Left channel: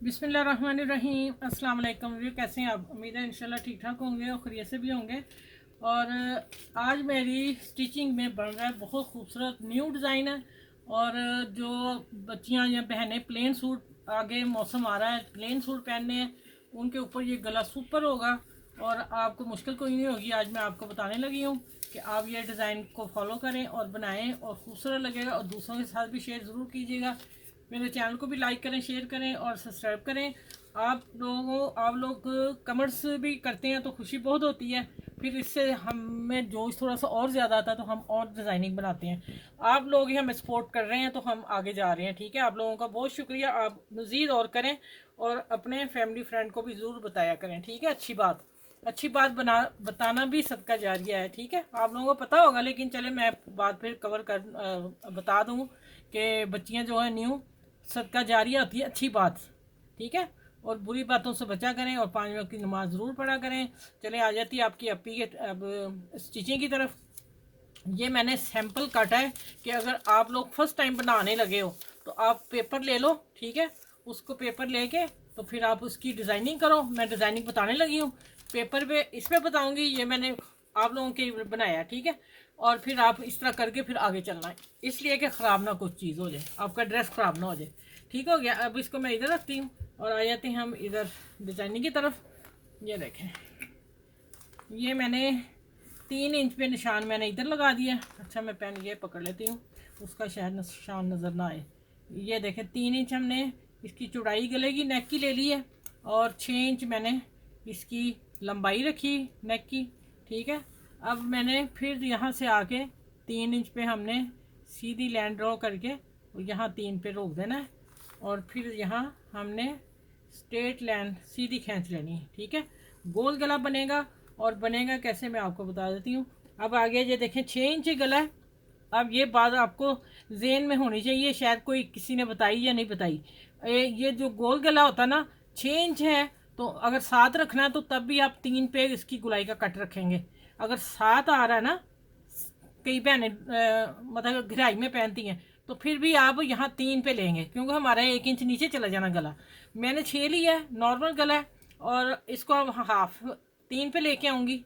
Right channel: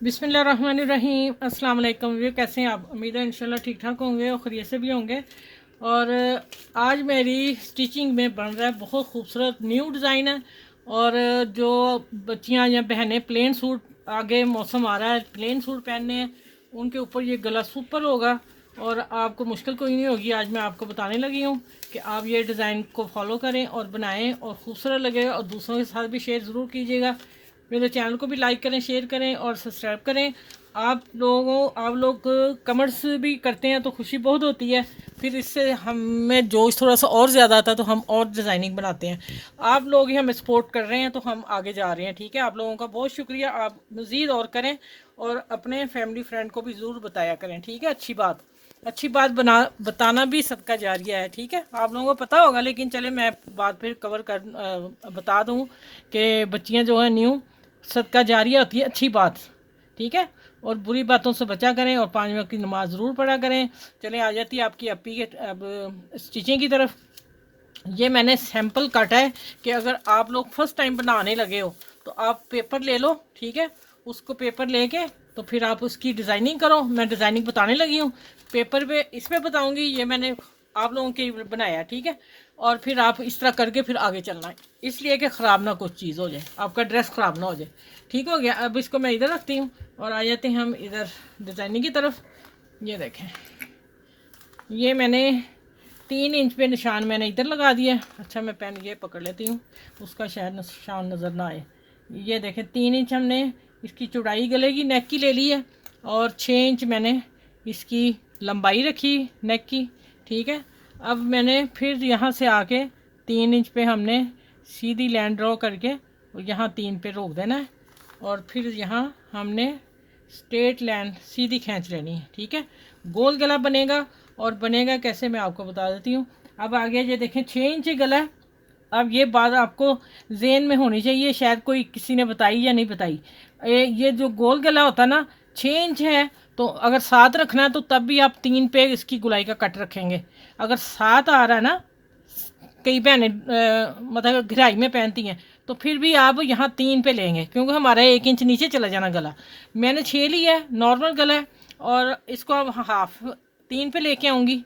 बिस्मिल्लाहिर्रहमानिर्रहीम। अस्सलाम वालेकुम। ये कैसे हैं आप? उम्मीद है इंशाल्लाह ठीक ठाक होंगे और खैरियत से भी होंगे। और आज मेरी स्टिचिंग में बन रहा है बहुत खूबसूरत न्यू डिज़ाइन है। और जो बच्चियां या बहनें प्लेन सूट, आगे मौसम आ रहा है प्लेन सूट पहनने हैं, उनके ऊपर ये गला सुपर होगा और आपको मुश्किल कोई नहीं होगी। आज मैं आपको बताने लगी हूँ कि आप ये डिज़ाइन को फॉलो करें और बनाएं और ख़ूबसूरत लगेगा। और दूसरों के साथ भी शेयर ज़रूर कीजिएगा। मेरे चैनल को भी लाइक करें, शेयर करें और सब्सक्राइब आप लोग कमेंट्स भी करते हैं तो खुशी बहुत होती है। फिर इससे हमें जोश थोड़ा सा और ज़्यादा आता है तो हम और डिज़ाइनिंग बनाते हैं। आप लोग ही हमें सपोर्ट कर रहे हैं तो हम आगे जा रहे हैं। ठीक है, आप लोगों का बहुत शुक्रिया। आप मज़ीद और करें और अपने फैमिली फ्रेंड को भी ज़रूर बताया करें। ठीक है, अच्छी बात बताना भी सदका जारिया है। ठीक है, आप लोगों को पता होगा लेकिन चले मैं बात फिर बता दूँ कि बच्चियाँ जो हैं न्यू, सदका जारिया होती है अच्छी बात। ठीक है, और बुरी बातों से बचा करें और 5 वक्त की नमाज़ ज़रूर पढ़ा करें। चलें, आ जाती है आपकी अपी के अब स्टिचिंग की तरफ। ये मैंने सैंपल काटा है कि अगर आप लोग फर्स्ट टाइम बनाने लगे हो तो आप पेपर ले लो। ठीक है, उसको पेपर लेके तो फिर आप उसकी डिज़ाइनिंग करो। मैं डिज़ाइनिंग बताने लगी हूँ पेपर पे, इस पर बताऊँगी। ये मैंने आप लोगों के लिए बनाया है। ठीक है, और फिर आप इस तरह करके फिर आगे चलना है, इसलिए कि ख़राब ना कुछ चीज़ हो जाए, आपका ड्रेस ख़राब ना हो जाए। ठीक हो गया। अब इसको मैं इधर रखती हूँ और आ जाते हैं हम इधर डिज़ाइनिंग की तरफ। ये देखें, ये मैंने 3 इंच पे निशान मैंने इधर लगा दिया। अच्छा, मैं पेन ये पकड़ लेती हूँ, उसका शायद निशान नज़र ना आए। ये देखें, 3 इंच हमने इसकी चौड़ाई गले की नेक की ले ली है और 6 इंच मैंने इसकी लंबाई रखी नेक की। ठीक है, अब मैंने फिर यहाँ से आके 3 इंच पे हमने सीधी लाइन ड्रॉ करके और यहाँ 3 पे रोक देना है और फिर यहाँ हमने स्ट्रेट लाइन सीधी खींच लेनी है। ठीक है, गोल गला बनेगा। और बनेगा कैसे मैं आपको बता देती हूँ। अब आगे ये देखें 6 इंच गला है। अब ये बात आपको जेन में होनी चाहिए, शायद कोई किसी ने बताई या नहीं बताई। ये जो गोल गला होता है ना, 6 इंच है तो अगर 7 रखना है तो तब भी आप 3 पे इसकी गुलाई का कट रखेंगे। अगर 7 आ रहा है ना, कई बहनें मतलब घिराई में पहनती हैं, तो फिर भी आप यहाँ 3 पे लेंगे क्योंकि हमारा 1 इंच नीचे चला जाना गला। मैंने 6 लिया है, नॉर्मल गला है। और इसको अब हाफ 3 पे लेके आऊँगी।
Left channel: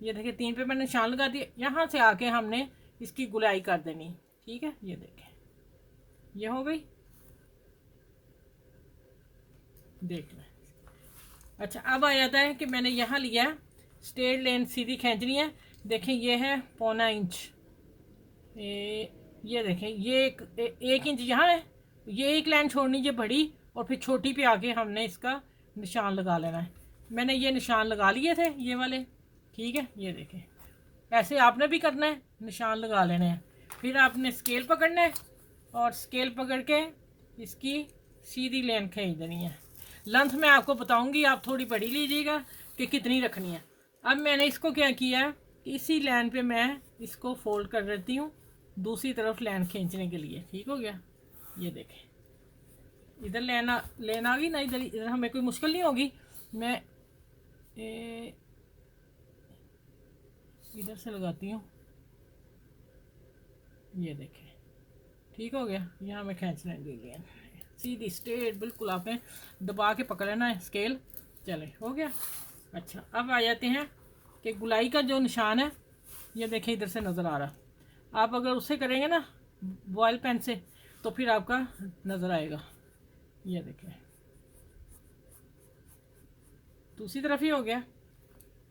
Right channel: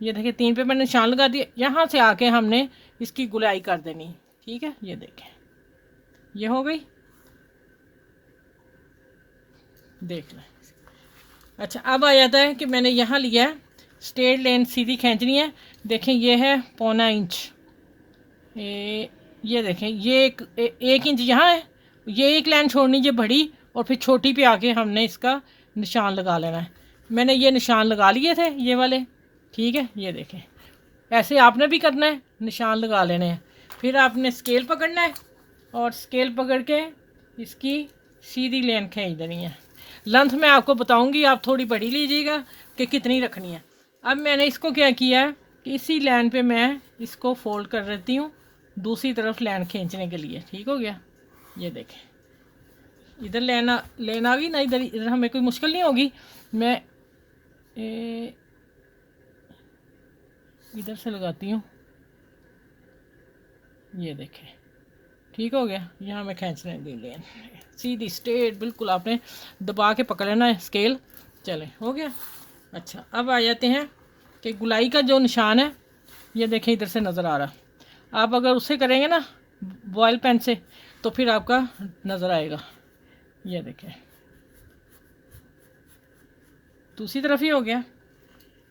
ये देखिए 3 पे मैंने निशान लगा दिया। यहाँ से आके हमने इसकी गुलाई कर देनी। ठीक है, ये देखें, ये हो गई, देख लें। अच्छा, अब आ जाता है कि मैंने यहाँ लिया है स्ट्रेट लाइन सीधी खींचनी है। देखें, ये है 1.25 इंच। ये देखें, ये 1 इंच यहाँ है। ये एक लाइन छोड़नी है बड़ी और फिर छोटी पे आके हमने इसका निशान लगा लेना है। मैंने ये निशान लगा लिए थे ये वाले। ठीक है, ये देखें, ऐसे आपने भी करना है, निशान लगा लेने हैं। फिर आपने स्केल पकड़ना है और स्केल पकड़ के इसकी सीधी लाइन खींच देनी है। लेंथ मैं आपको बताऊंगी, आप थोड़ी बड़ी लीजिएगा कि कितनी रखनी है। अब मैंने इसको क्या किया है कि इसी लाइन पे मैं इसको फोल्ड कर देती हूँ दूसरी तरफ लाइन खींचने के लिए। ठीक हो गया, ये देखें, इधर लाइन आ गई ना, इधर इधर हमें कोई मुश्किल नहीं होगी। मैं इधर से लगाती हूँ, ये देखें, ठीक हो गया। यहाँ मैं खींचने दी लेन सीधी स्ट्रेट, बिल्कुल आपने दबा के पकड़ लेना है स्केल। चले, हो गया। अच्छा, अब आ जाते हैं कि गुलाई का जो निशान है, ये देखें इधर से नज़र आ रहा। आप अगर उससे करेंगे ना बॉयल पेन से तो फिर आपका नज़र आएगा। ये देखें, दूसरी तरफ ही हो गया।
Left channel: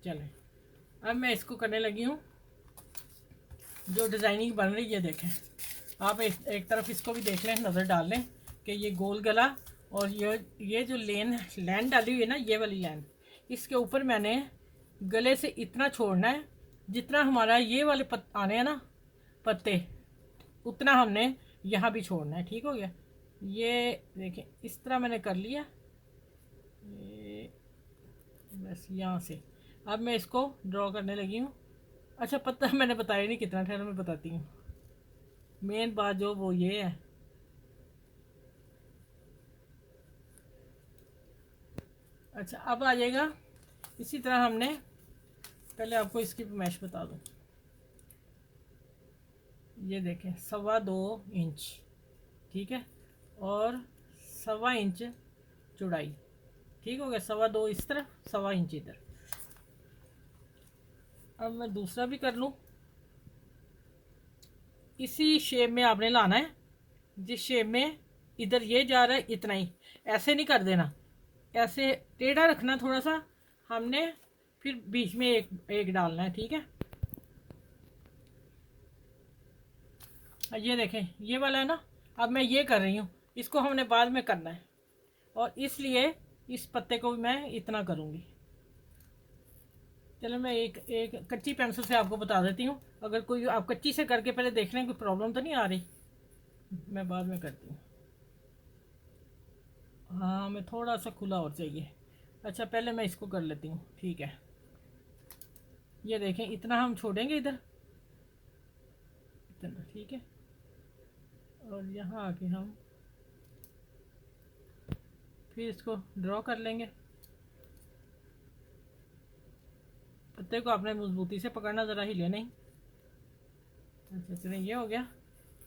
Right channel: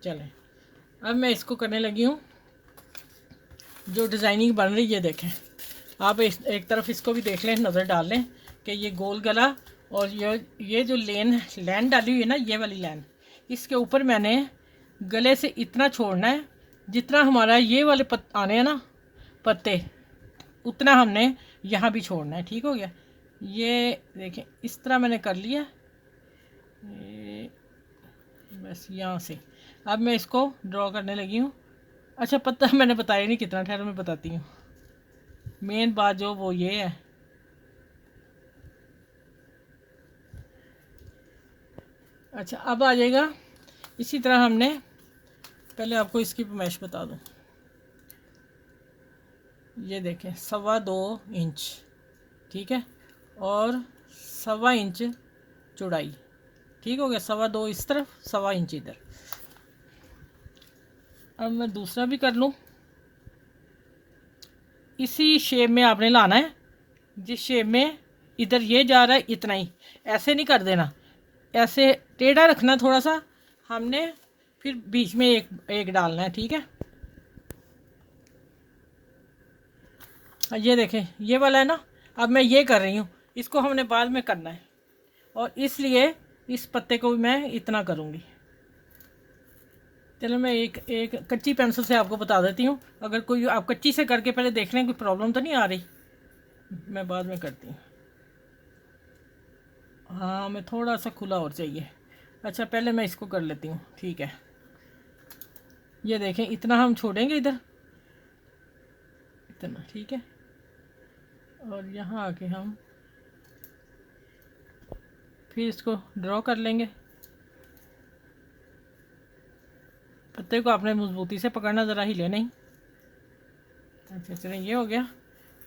चलें, अब मैं इसको करने लगी हूँ जो डिज़ाइनिंग बन रही है। ये देखें, आप एक तरफ इसको भी देख लें, नज़र डाल लें कि ये गोल गला और ये जो लाइन डाली हुई है ना, ये वाली लाइन, इसके ऊपर मैंने गले से इतना छोड़ना है जितना हमारा ये वाले आने हैं ना पत्ते, उतना हमने यहाँ भी छोड़ना है। ठीक हो गया, ये देखें इस तरह मैंने कर लिया। बस यहाँ से अब मैं इसको ड्रॉ करने लगी हूँ। अच्छा, पता मैंने बताया नहीं कितना, ठहर मैं बताती हूँ। मेन बात जो वो ये है, अच्छा अब आ जाएगा। इसी तरह हमने पहले आपको इसकी पैमाइश बता दूँ। ये देखें 2.25 इंच, ठीक है, और 1.25 इंच चौड़ाई। ठीक हो गया, 2.25 इस तरफ, 1.25 इंच इधर। अब मैं दूसरा भी कर लूँ। इसी शेप में आपने लाना है, जिस शेप में इधर ये जा रहा है इतना ही, ऐसे नहीं कर देना, ऐसे टेढ़ा रखना थोड़ा सा हमने, फिर बीच में एक एक डालना है। ठीक है, ये देखें ये वाला है ना। अब मैं ये कर रही हूँ, इसको हमने बाद में करना है, और इसलिए इस पत्ते को भी मैं इतना करूँगी। चलो मैं एक एक कच्ची पेंसिल से आपको बता देती हूँ, अगर कोई आप कच्ची से करके पहले देख लें कोई प्रॉब्लम तो नहीं आ रही, मैं बाद में करती हूँ। हाँ, मैं थोड़ा सा खुला और चाहिए। अच्छा, पहले मैं इसको कर लेती हूँ। ठीक है, ये देखें इतना हम छोड़ेंगे इधर, इतना। ठीक है, और यहाँ आके हम फिर इसको ड्रॉ कर लेंगे। पत्ते को आपने मजबूती से पकड़ना, ज़रा हिले नहीं। अच्छा चलें, ये हो गया।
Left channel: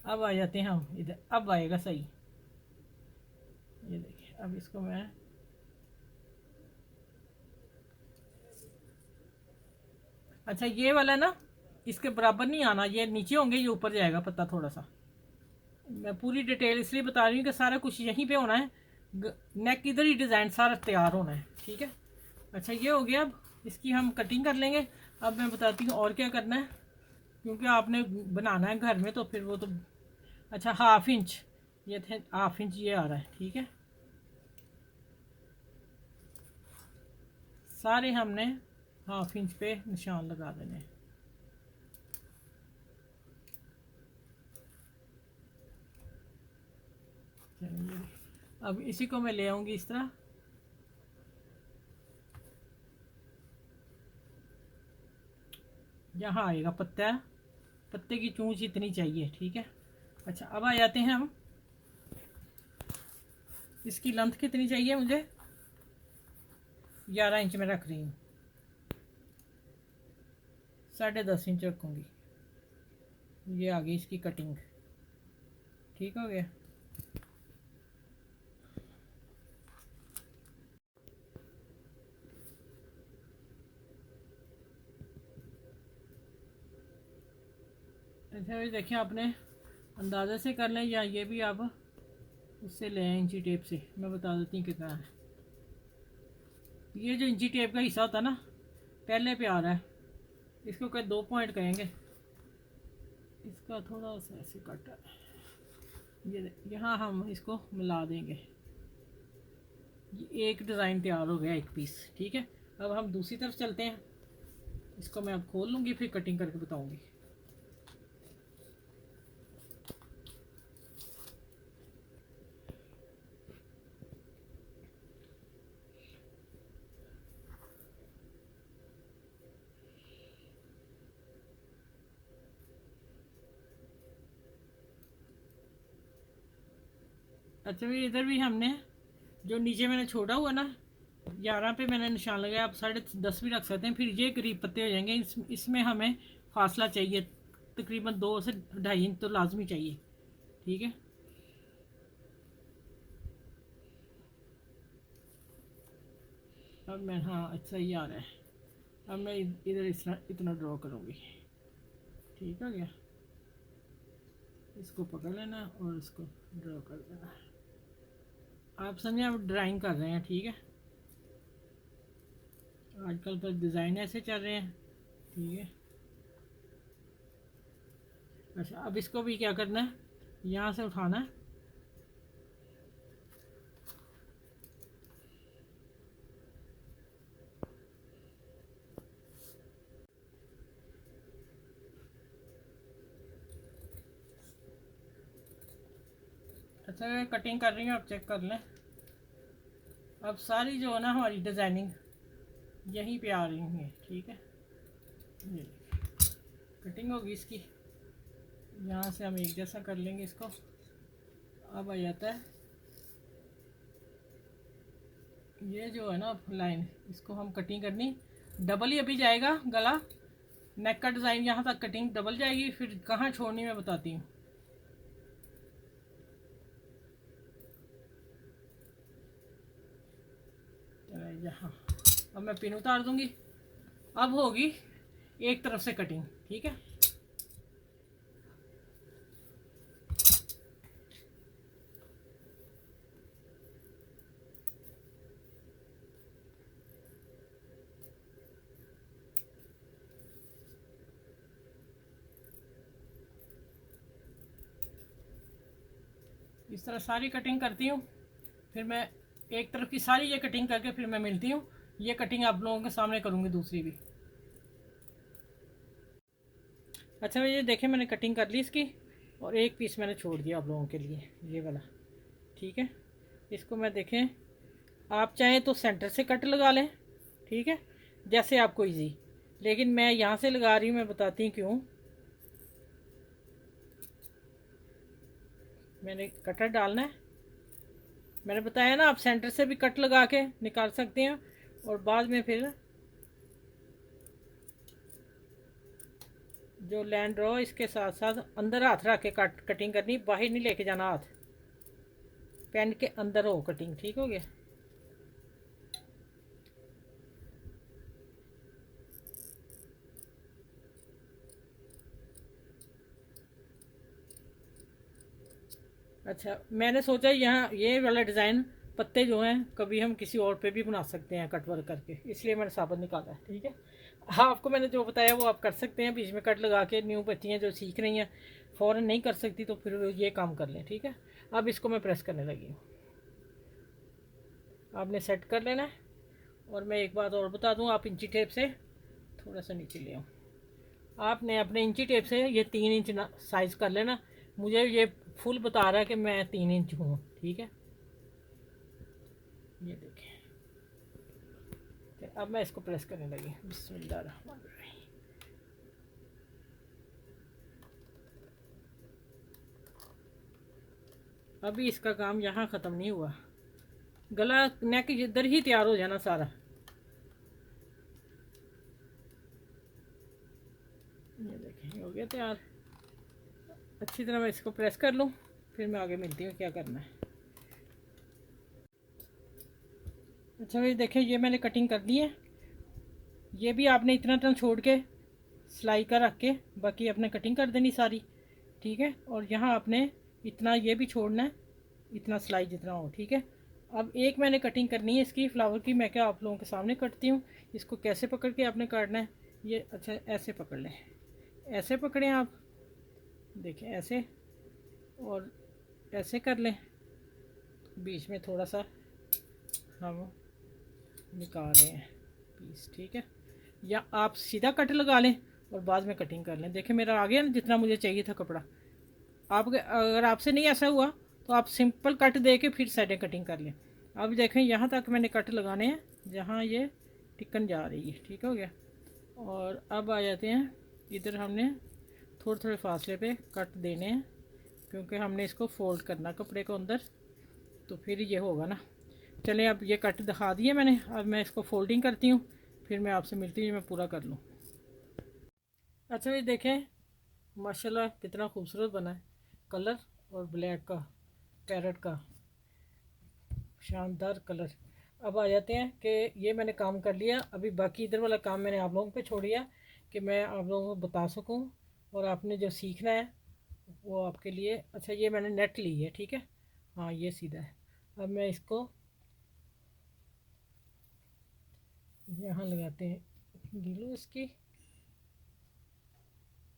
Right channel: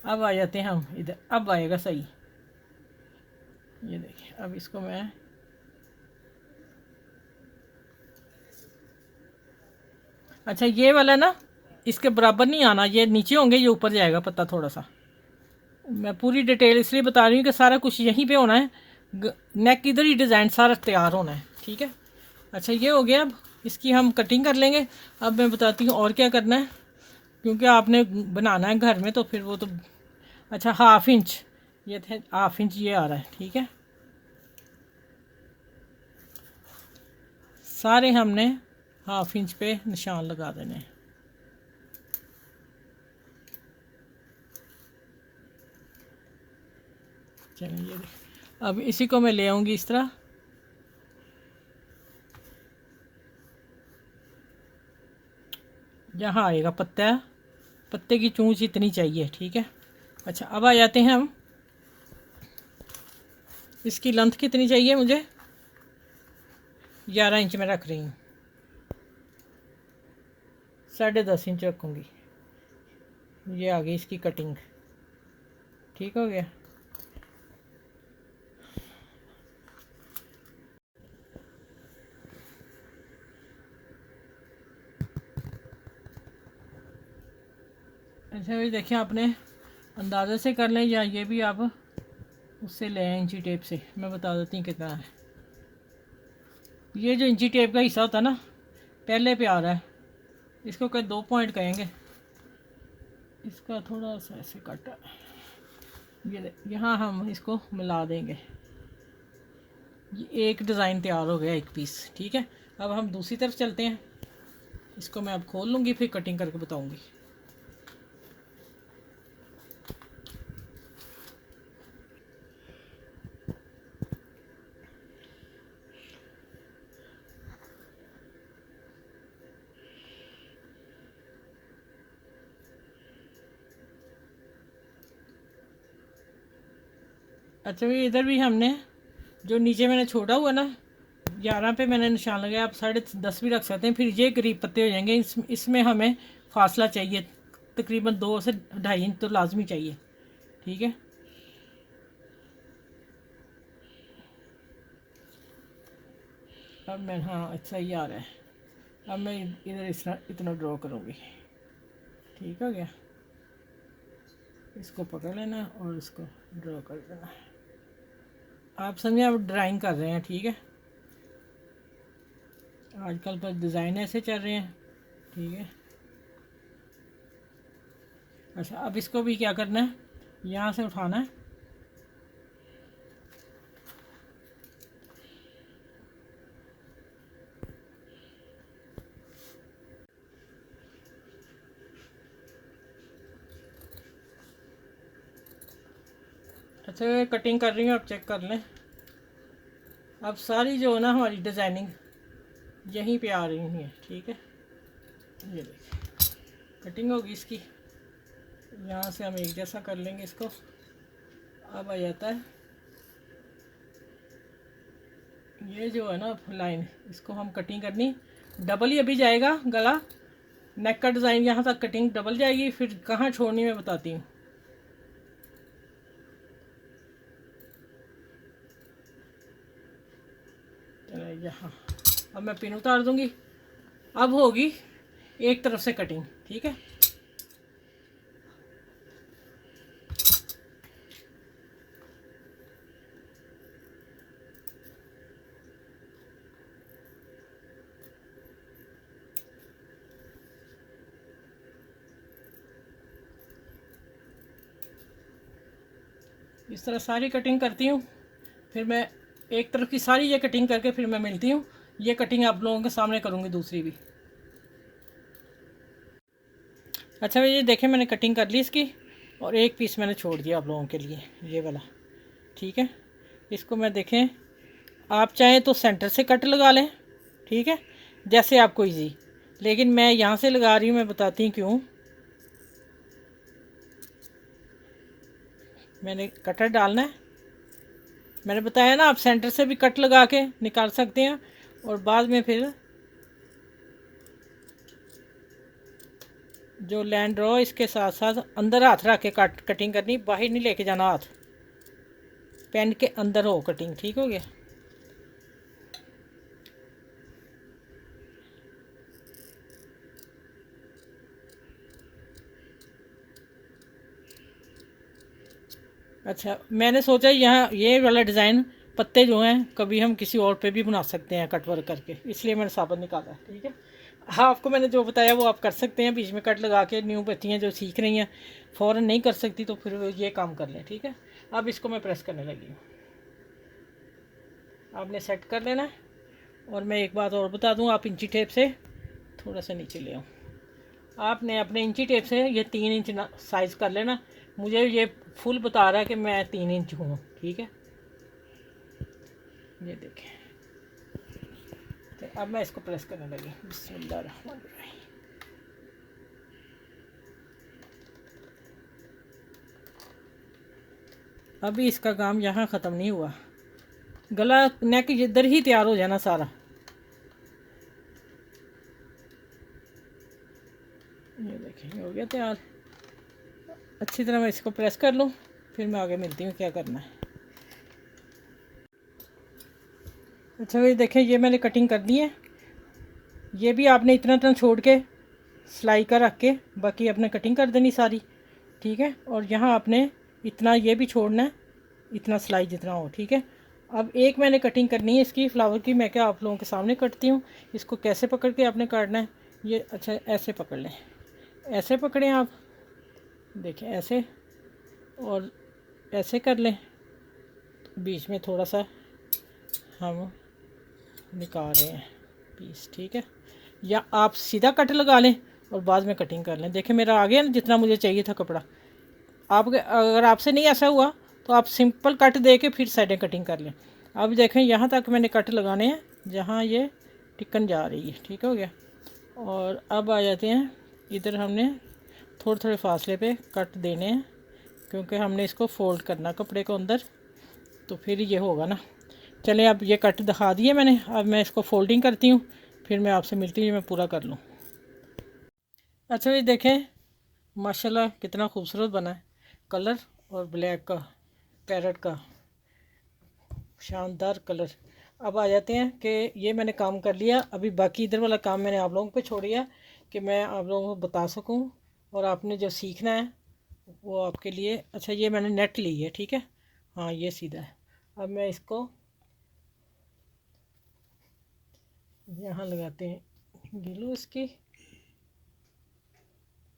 अब आ जाते हैं हम इधर, अब आएगा सही। ये देखिए, अब इसको मैं अच्छा ये वाला ना इसके बराबर नहीं आना, ये नीचे होंगे, ये ऊपर जाएगा पत्ता थोड़ा सा। मैं पूरी डिटेल इसलिए बता रही हूँ कि सारा कुछ यहीं पे होना है, नेक इधर ही डिज़ाइन सारा तैयार होना है। ठीक है, अच्छा ये हो गया। अब इसकी हम कटिंग कर लेंगे। अब मैं बताती हूँ और क्या करना है, क्योंकि आपने बनाना है घर में तो फिर वो तो। अच्छा, 1/2 इंच, ये थे 1/2 इंच ये आ रहा है। ठीक है, सारे हमने 1/2 इंच पे निशान लगा देने हैं। चलिए, अब इसी को मैं ले आऊँगी इस तरह। यहाँ आएगा पत्ता, पत्ते की चोंच इतनी चाहिए। ठीक है, अच्छा अब आ जाते हैं हम, इसकी लेंथ कितनी चाहिए मुझे, 11 इंच में रख रही हूँ, 10.5 इंच रखूँगी। ये आ गई इसकी कटिंग। ठीक हो गया। अच्छा भाई देखिए, आपने अंदाज़े से कर लें या ये भी आप उससे ले आए इंची टेप से, मैं बता देती हूँ कितना है। ये जो इंची टेप का हिस्सा होता है ना, पहले पे आ रहा है, इसको कहीं 2 पॉइंट कहेंगे, इसका थोड़ा सा ऐसे काटा, ये यहाँ हम इसको मिला देंगे। ये एक डिज़ाइन तैयार हो गया, एक पीस। ठीक है, अब हम दूसरी तरफ चलते हैं। इसको मैं अब खोल लूँगी, फिर कटिंग करके बताऊँगी। अच्छा भाई, इधर भी हमने जो नीचे मैंने छोड़ा हुआ ना, 11 पे मैंने निशान लगाया, आप 10.5 भी रख सकते हैं, फिर ये करीब पत्ते हो जाएंगे। इसमें हमें फासला चाहिए, तकरीबन 2 से 2.5 इंच तो लाजमी चाहिए। ठीक है, अब मैं, हाँ अच्छा ही आ रहा है। अब मैं इधर इस तरह इतना ड्रॉ करूँगी। ठीक हो गया, इसको पकड़ लेना और इसको ड्रॉ कर देना। आप समझे, आप ड्राइंग कर रहे हैं। ठीक है, आजकल पर डिज़ाइन ऐसे चल रहे हैं। ठीक है, अच्छा अब इसको भी क्या करना है, यहाँ से उठाना है। अच्छा मैं कटिंग कर रही हूँ, आप चेक कर लें। अब सारी जो है ना हमारी डिज़ाइनिंग यहीं पे आ रही है। ठीक है, ये देखिए कटिंग होगी इसकी, यहाँ से हम एक जैसा कर लेंगे इसको। अब आ जाता है ये जो है ना लाइन, इसको हम कटिंग करनी डबल ही अभी जाएगा गला, नेक का डिज़ाइन यहाँ तक कटिंग डबल जाएगी, फिर कहाँ छोड़नी मैं बताती हूँ। यहाँ। अब मैं पिन उतार दूँगी। अब होगी एक तरफ से कटिंग, ठीक है। इस तरह सारी कटिंग करती हूँ, फिर मैं एक तरफ की सारी ये कटिंग करके फिर मैं मिलती हूँ। ये कटिंग आप लोगों के सामने करूँगी दूसरी भी। अच्छा ये देखें, मैंने कटिंग कर ली इसकी, और एक पीस मैंने छोड़ दिया आप लोगों के लिए, ये वाला, ठीक है। इसको मैं देखें, आप चाहें तो सेंटर से कट लगा लें, ठीक है, जैसे आपको इजी, लेकिन मैं यहाँ से लगा रही हूँ, मैं बताती हूँ क्यों। मैंने कटर डालना है, मैंने बताया ना, आप सेंटर से भी कट लगा के निकाल सकते हैं, और बाद में फिर जो लाइन ड्रॉ इसके साथ साथ अंदर हाथ रख के कटिंग करनी, बाहर नहीं लेके जाना हाथ, पेन के अंदर हो कटिंग, ठीक हो गया। अच्छा मैंने सोचा यहाँ ये वाला डिज़ाइन पत्ते जो हैं कभी हम किसी और पे भी बना सकते हैं कट वर्क करके, इसलिए मैंने साबुन निकाला है, ठीक है। हाँ आपको मैंने जो बताया वो आप कर सकते हैं, बीच में कट लगा के। न्यू बच्चियाँ जो सीख रही हैं फ़ौरन नहीं कर सकती, तो फिर ये काम कर लें, ठीक है। अब इसको मैं प्रेस करने लगी हूँ, आपने सेट कर लेना है। और मैं एक बात और बता दूँ, आप इंची टेप से थोड़ा सा नीचे ले आओ, आपने अपने इंची टेप से ये 3 इंच साइज़ कर लेना। मुझे ये फुल बता रहा है कि मैं 3 इंच हूँ, ठीक है। ये देखें, तो अब मैं इसको प्रेस करने लगी, बिस्मिल्लाहिर्रहमानिर्रहीम। अभी इसका काम यहाँ ख़त्म नहीं हुआ, गला नेक इधर ही तैयार हो जाना सारा। ये देखिए हो गया तैयार। अच्छी तरह मैं इसको प्रेस कर लूँ, फिर मैं आगे मिलती हूँ क्या करना है। अच्छा ये देखें, ये मैंने कटिंग कर दी है। ये भी आपने इतना इतना छोड़ के सिलाई का रख के बाकी आपने कटिंग कर देनी सारी, ठीक है। और यहाँ आपने इतना ये भी छोड़ना है, इतना सिलाई जितना हो, ठीक है। अब एक मैंने कटिंग करनी है इसकी फ्लावर की, मैं क्या आप लोगों के सामने कटती हूँ। इसको कैसे पकड़ के आपने काटना है, ये अच्छा ऐसे पकड़ लें, ऐसे पकड़ें आप, देखें ऐसे, और ऐसे कर लें, बीच में थोड़ा सा हम निकाल रहे हैं पीस, ठीक है। या आप सीधा कट लगा लें और बाद में कटिंग कर लें। देखें मेरा आ गया ना जितना मुझे चाहिए था कपड़ा। आप अगर आपसे नहीं ऐसा हुआ तो आप सिंपल कट दे के फिर साइडें कटिंग कर लें। अब देखें यहाँ तक मैंने कट लगाने हैं जहाँ ये टिकन जा रही है, ठीक हो गया। और अब आ जाते हैं इधर, हमने थोड़े थोड़े फासले पे कट देने हैं, क्योंकि हमने इसको फोल्ड करना कपड़े को अंदर, तो फिर ये होगा ना। चलें अब ये कट दिखा दिए मैंने, अब मैं इसको फोल्डिंग करती हूँ, फिर मैं आपसे मिलती हूँ, मैं पूरा कर लूँ। अच्छा ये देखें माशाल्लाह कितना खूबसूरत बना है, कलर और ब्लैक का, पैरट का शानदार कलर। अब आ जाते हैं कि ये मैंने काम कर लिया, अभी बाकी इधर वाला काम मैंने आप लोगों पे छोड़ दिया कि मैं आप लोगों को बता सकूं, और आपने जो सीखना है वो आपके लिए। अच्छा ये मैंने नेट ली है, ठीक है, हाँ ये सीधा है। अब मैं इसको यहाँ लगाते हैं गिलू इसकी,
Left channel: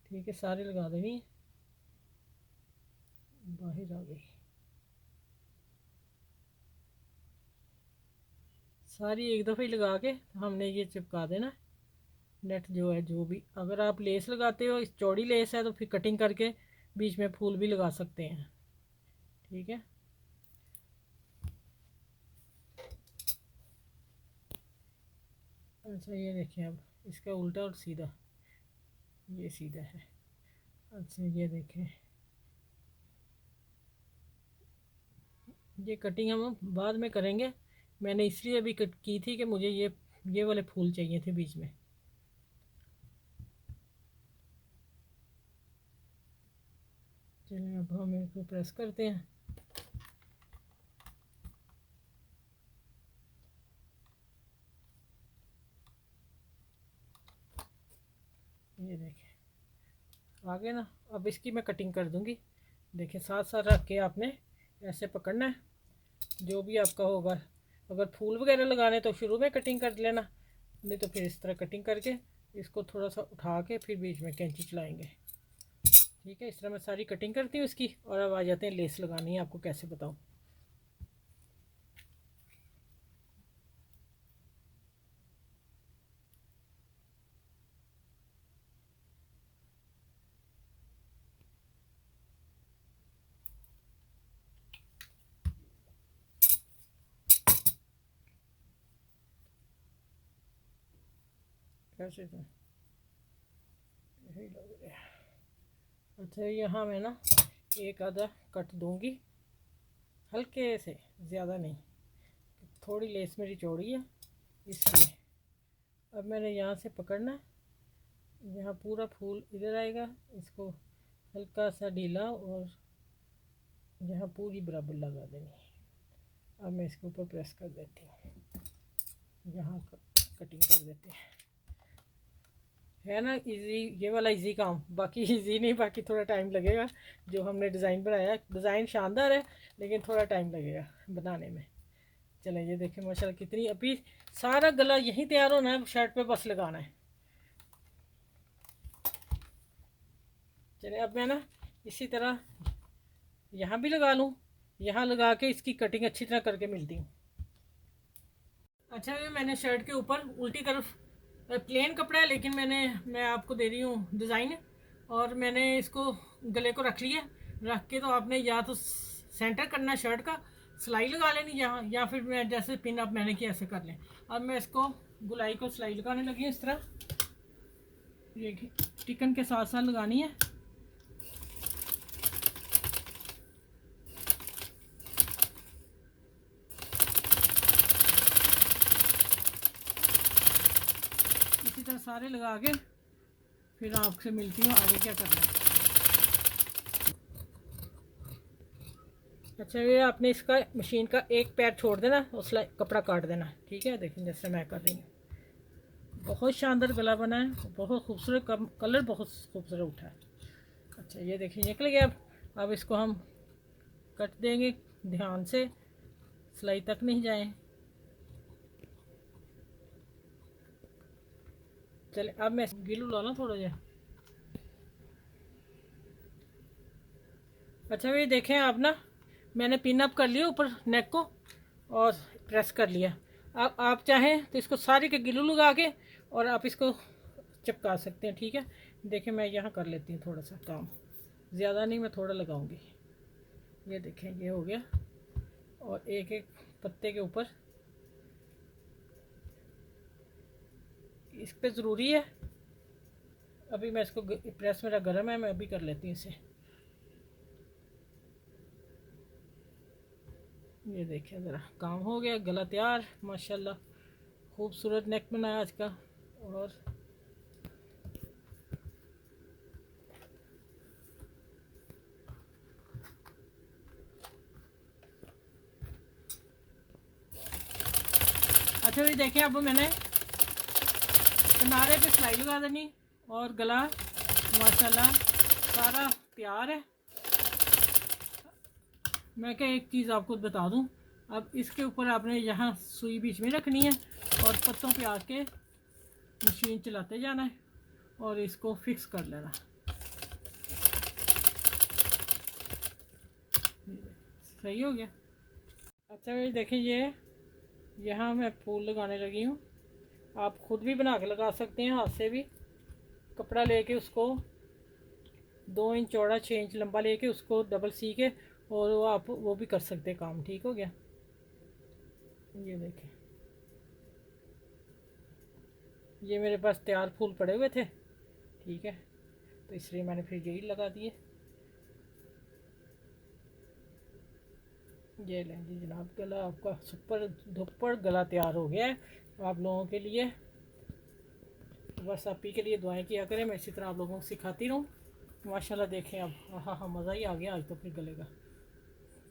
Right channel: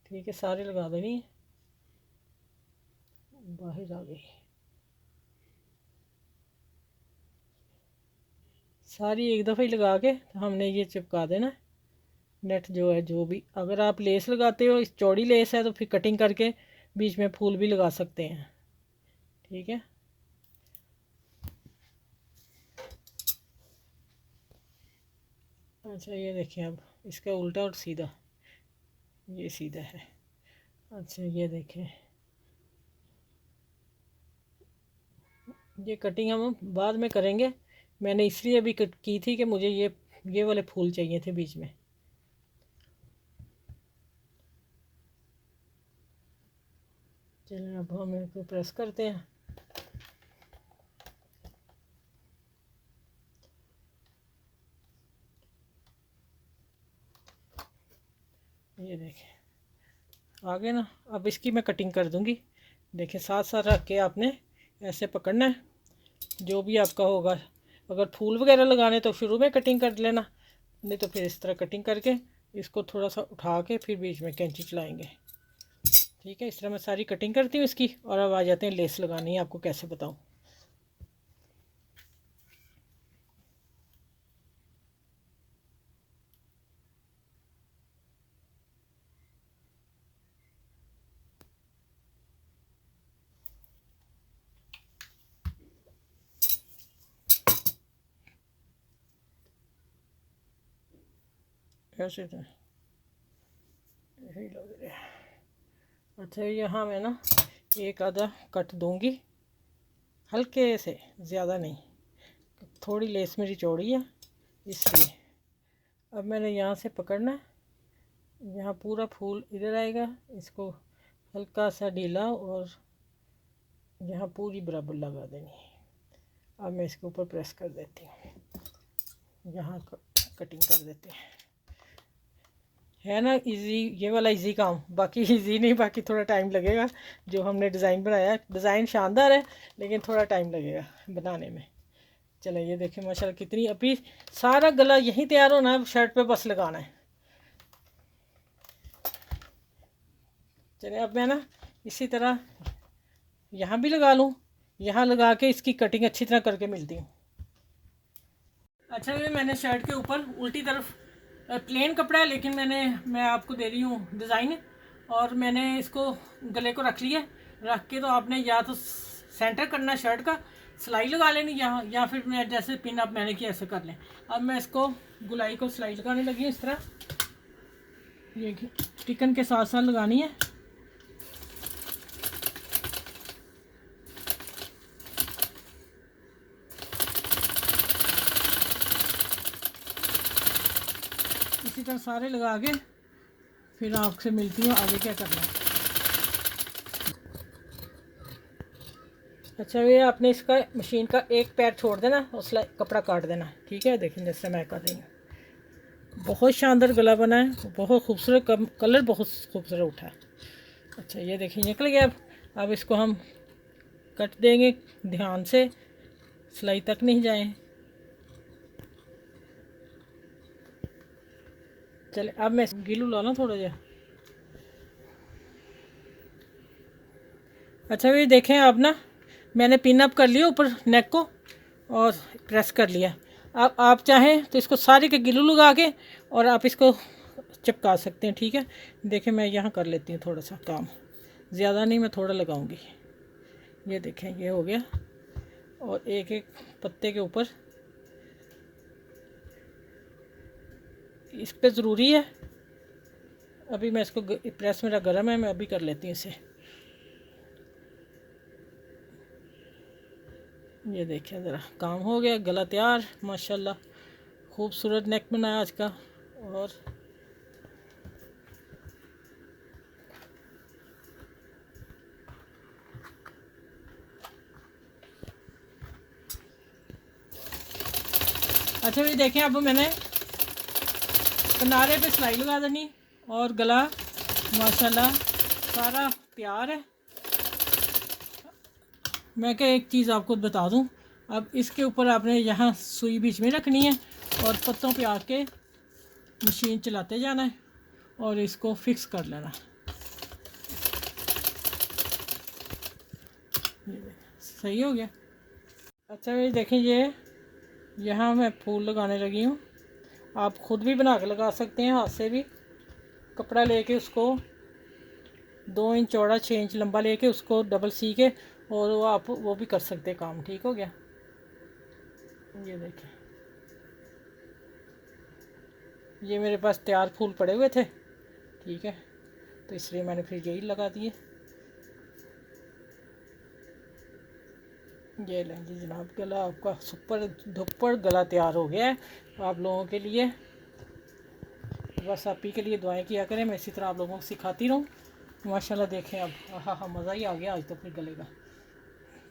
ठीक है, सारे लगा देनी है, बाहर आ गई सारी एक दफ़ा ही लगा के, तो हमने ये चिपका देना नेट जो है। जो भी अगर आप लेस लगाते हो, इस चौड़ी लेस है तो फिर कटिंग करके बीच में फूल भी लगा सकते हैं, ठीक है। अच्छा ये देखिए, अब इसका उल्टा और सीधा, ये सीधा है। अच्छा ये देखें, ये कटिंग हम बाद में करेंगे, मैंने इसलिए अभी की थी कि मुझे ये वाले फूल चाहिए थे बीच में। चलिए अब हम इसको प्रेस करते हैं। ये देखें आगे ना। अब इसकी मैं कटिंग कर दूंगी। देखें साथ साथ रख के आपने ऐसे पकड़ना है, जो भी आपका होगा। अगर फूल वगैरह लगाने तो शुरू में कटिंग कर लेना, नहीं तो फिर इस तरह कटिंग करके इसको थोड़ा सा उठा के फिर बीच में कैंची चलाएंगे। ठीक है, इस तरह मैं सारी कटिंग करती हूँ इसकी। और अब आ जाते हैं लेस लगानी है, आपको कैसे बताऊँ। ऐसे तो यही लग रहा है। अच्छा, यहाँ मैं ना एक आधा कट दूंगी हल्के से, ज़्यादा नहीं। थोड़ी लेस मेरी चौड़ी है इसलिए। अब मैंने यहाँ से पकड़ना है, यहाँ पूरा फूल इधर आएगा, इसको हल्का सा ढीला और यहाँ पूरी बराबर लगा देनी। अब मैं इसके ऊपर प्रेस कर देती हूँ, यहाँ कटिंग कर देते हैं। है ना इजी, ये वाला इजी काम। बाकी इजी नहीं, बाकी थोड़ा टाइम लगेगा। जो हमने डिज़ाइन बनाया, डिज़ाइन शानदार है लेकिन थोड़ा टाइम लगेगा बनाने में। चलो ये देखें माशाल्लाह कितनी, अभी सारा गला यहीं तैयार होना है, शर्ट पे बस लगाना है। चलिए अब मैं ना इसी तरह यहाँ भी लगा लूँ, यहाँ लगा के इसकी कटिंग अच्छी तरह करके मिलती हूँ। अच्छा, ये मैंने शर्ट के ऊपर उल्टी तरफ प्लेन कपड़ा है, लेकिन मैं आपको दे रही हूँ डिज़ाइन। और मैंने इसको गले को रख लिया। रख के तो आपने या तो सेंटर करना शर्ट का, सिलाई लगा लेनी, या फिर मैं जैसे पिन अप मैंने किया ऐसे कर लें। अब मैं इसको गुलाई को सिलाई लगाने लगी हूँ इस तरह। ये टिकन के साथ साथ लगानी है। इसी तरह सारे लगा के फिर आपसे मिलती हूँ आगे क्या करना है। अच्छा, ये आपने इसका मशीन का एक पैर छोड़ देना और कपड़ा काट देना। ठीक है, देखें जैसे मैं कर रही हूँ। बहुत शानदार गला बना है, बहुत खूबसूरत, कलर बहुत खूबसूरत उठा है। अच्छा ये देखिए निकल गया। अब इसको हम कट देंगे ध्यान से, सिलाई तक नहीं जाए। चले अब मैं गिलू ला लूँ थोड़ा जा। अच्छा ये देखें, अब ना मैंने पिन अप कर लिया ऊपर नेक को और प्रेस कर लिया। अब आप चाहें तो इसको सारे के गिलू लगा के और आप इसको चिपका सकते हैं। ठीक है, देखें मैं यहाँ कर लेती हूँ थोड़ा सा काम, ज़्यादा नहीं, मैं थोड़ा लगाऊंगी। ये देखें ये हो गया। और एक एक पत्ते के ऊपर इस पे ज़रूरी है। अभी मैं इसको, प्रेस मेरा गर्म है, मैं अभी कर लेती हूँ इसे। ये देखिए ज़रा काम हो गया, गला तैयार माशाल्लाह। खूबसूरत नेक बनाया आज का। और अच्छा भी देखें, अब मैंने किनारे पे सिलाई लगा देनी और गला माशाल्लाह सारा तैयार है। मैं क्या एक चीज़ आपको बता दूं, अब इसके ऊपर आपने यहाँ सुई बीच में रखनी है और पत्तों पे आके मशीन चलाते जाना है और इसको फिक्स कर लेना। सही हो गया। अच्छा ये देखें, ये यहाँ मैं फूल लगाने लगी हूँ। आप ख़ुद भी बना के लगा सकते हैं, हाथ से भी। कपड़ा लेके उसको 2 इंच चौड़ा 6 इंच लंबा लेके उसको डबल सी के, और वो आप वो भी कर सकते हैं काम। ठीक हो गया। ये देखें, ये मेरे पास तैयार फूल पड़े हुए थे। ठीक है, तो इसलिए मैंने फिर यही लगा दिए। ये लें जी जनाब, गला आपका सुपर धुपर गला तैयार हो गया है आप लोगों के लिए। बस आप ही के लिए दुआएं किया करें, मैं इसी तरह आप लोगों को सिखाती रहूँ। माशाल्लाह देखें अब, हाँ हाँ मज़ा ही आ गया आज तो। फिर गले का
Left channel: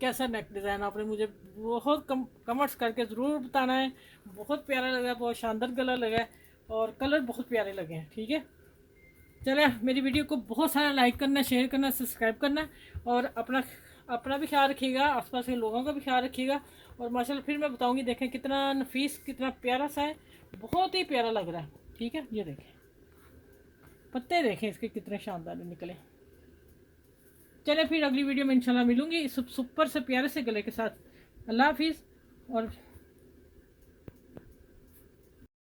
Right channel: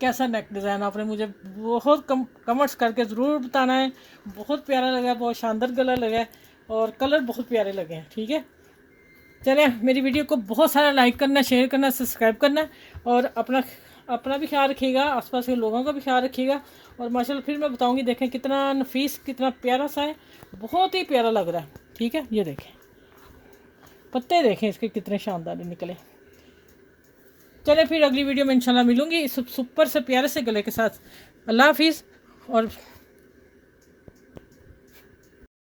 कैसा नेक डिज़ाइन आपने मुझे बहुत कमेंट्स करके ज़रूर बताना है। बहुत प्यारा लगा, बहुत शानदार गला लगा है और कलर बहुत प्यारे लगे हैं। ठीक है, चले, मेरी वीडियो को बहुत सारा लाइक करना, शेयर करना, सब्सक्राइब करना, और अपना अपना भी ख्याल रखिएगा, आसपास के लोगों का भी ख्याल रखिएगा। और माशाल्लाह फिर मैं बताऊंगी, देखें कितना नफीस, कितना प्यारा सा है, बहुत ही प्यारा लग रहा है। ठीक है, ये देखें पत्ते, देखें इसके कितने शानदार निकले। चले फिर अगली वीडियो में इंशाल्लाह मिलूंगी इस सुपर से प्यारे से गले के साथ। अल्लाह हाफिज़। और